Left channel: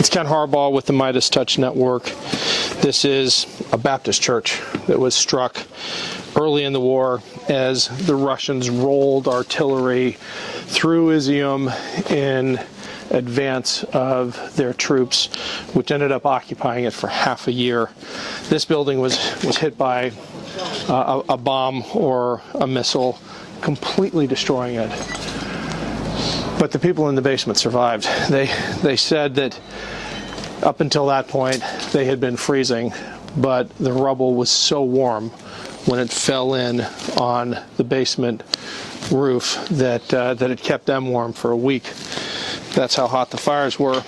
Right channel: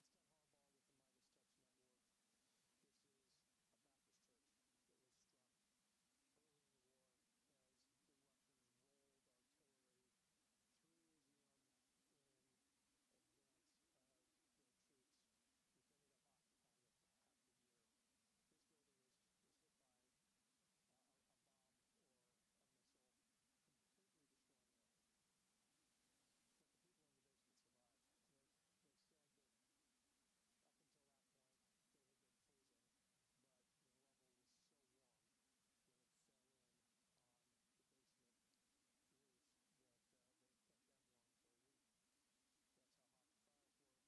It's Ken Harbaugh with the Midas Touch Network. This is a Baptist church that was struck early in the war as the Russians rolled artillery through Izyum in advance of their troops, which ended up occupying it for half a year. This building was hit by a bomb or a missile, completely destroying it. But the people in the basement survived. They said that up until that point they had been freezing, but the rubble was so warm when it fell in on the basement roof that it kept them warm for a week. That's how hot the fires were.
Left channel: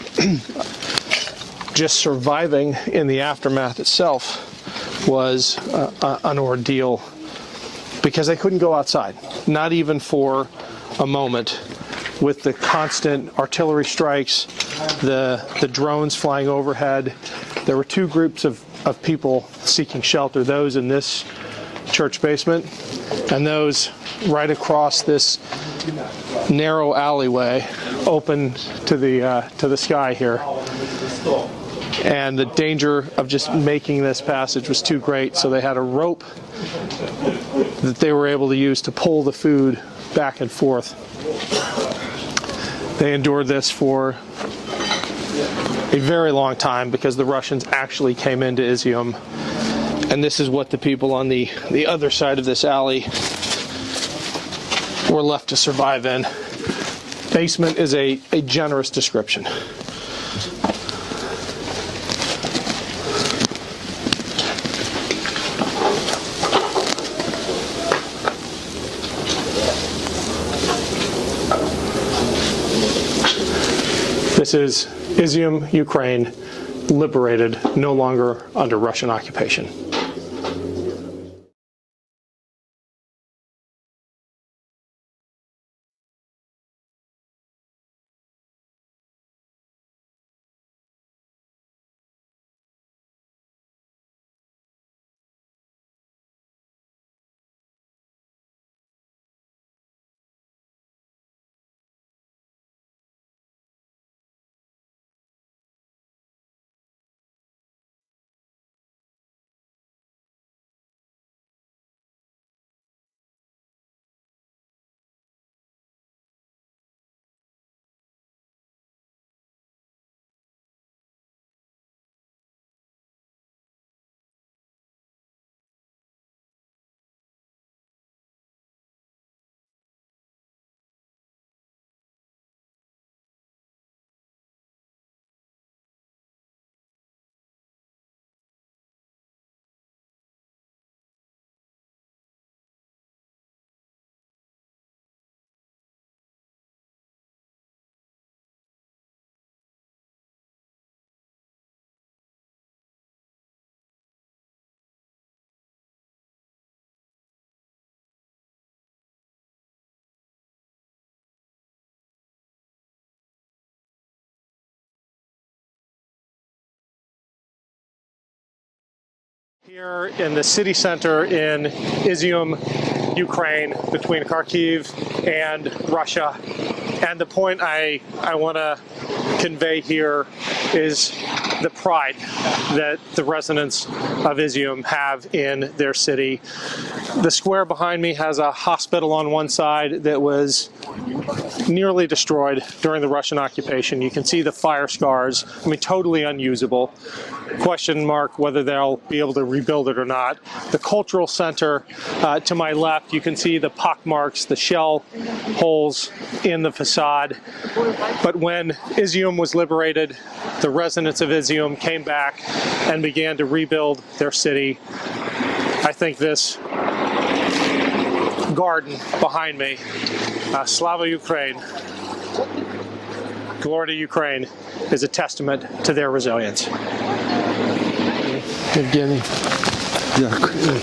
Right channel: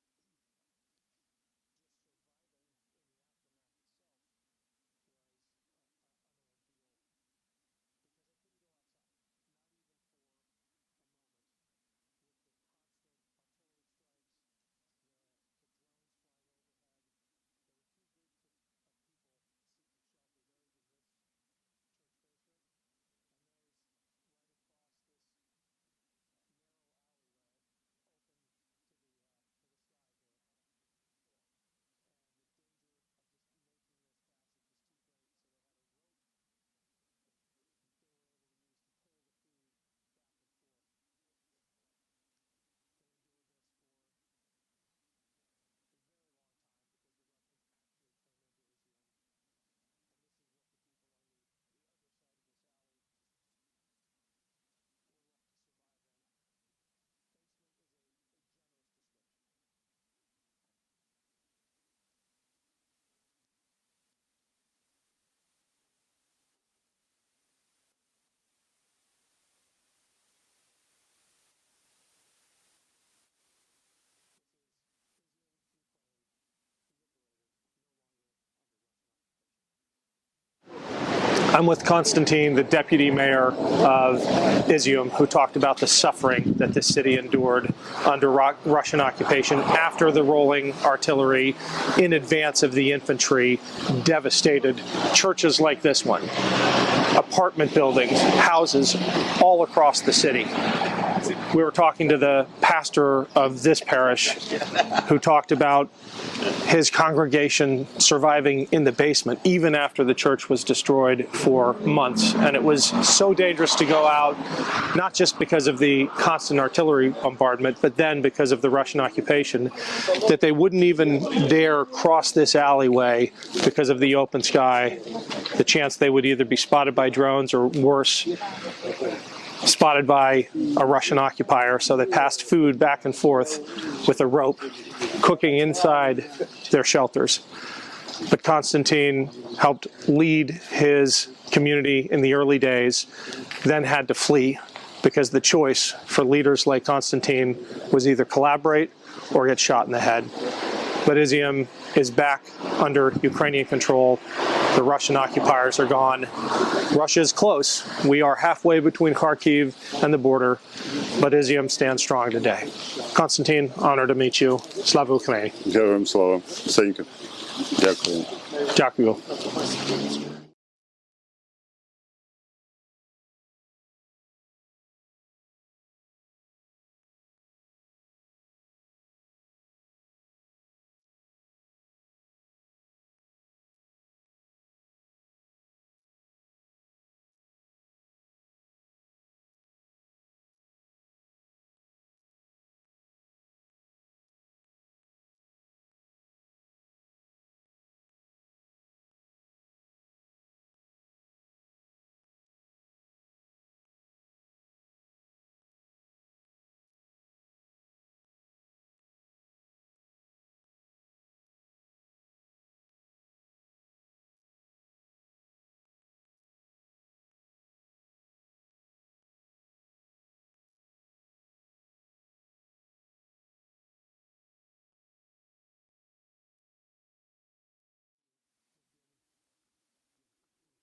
Just surviving in the aftermath itself was an ordeal because they couldn't go outside, not even for a moment. With the constant artillery strikes, the drones flying overhead, there were two groups of people seeking shelter, those in this church basement and those right across this narrow alleyway open to the sky here. And the danger of just making this passage was too great, so they had a rope that they were able to use to pull the food back and forth. They endured this for a very long time because the Russians actually came into Izyum. And this is what the people on the other side of this alley were left to survive in. Basement is a generous description. This is Izyum, Ukraine, liberated, no longer under Russian occupation. I'm with Konstantin, the deputy mayor of Izyum, who talked about the suffering that this city endured under Russian occupation after the rolling artillery in advance of the infantry devastated churches like this one, apartment buildings, houses all across the city. We were talking to the pastor of this parish who talked about his congregation surviving in the basement even after the church was destroyed for months. And it was so dangerous to go out, not just because of the constant artillery bombardment, but then because of the Russian occupation, that they wouldn't even dare cross this alleyway because of the open sky, the chance they would either be spotted by drones or worse, spotted by a Russian occupier. So they passed food back and forth with a rope, cooking inside their shelters. But Konstantin helped lead his community in the early days, then had to flee because the choice for leaders like Konstantin was either collaborate or get shot in the head. But Izyum is back under Ukrainian control. The Russian occupiers are gone. Russia is close. We are halfway between Kharkiv and the border, but Izyum stands strong today. Konstantin, honor to meet you. Slava Ukraini. Героям слава. Thank you. Дякую. Dyakuyu. In the city center in Izyum, Ukraine, between Kharkiv and Russia. And the point I want to convey here is the pride that the residents of Izyum have in their city. The square behind me has a hospital on one side that was nearly destroyed during the Russian occupation. You can see the fire scars. I mean, totally unusable. Question mark whether they'll be able to rebuild it or not. The cultural center to my left, you can see the pock marks, the shell holes in the facade. But when Izyum was liberated, the residents of Izyum came back and began to rebuild their city. I think this garden behind me, Slava Ukraine, Glory to Ukraine, is a testament to their resilience. Евгений. Дякую.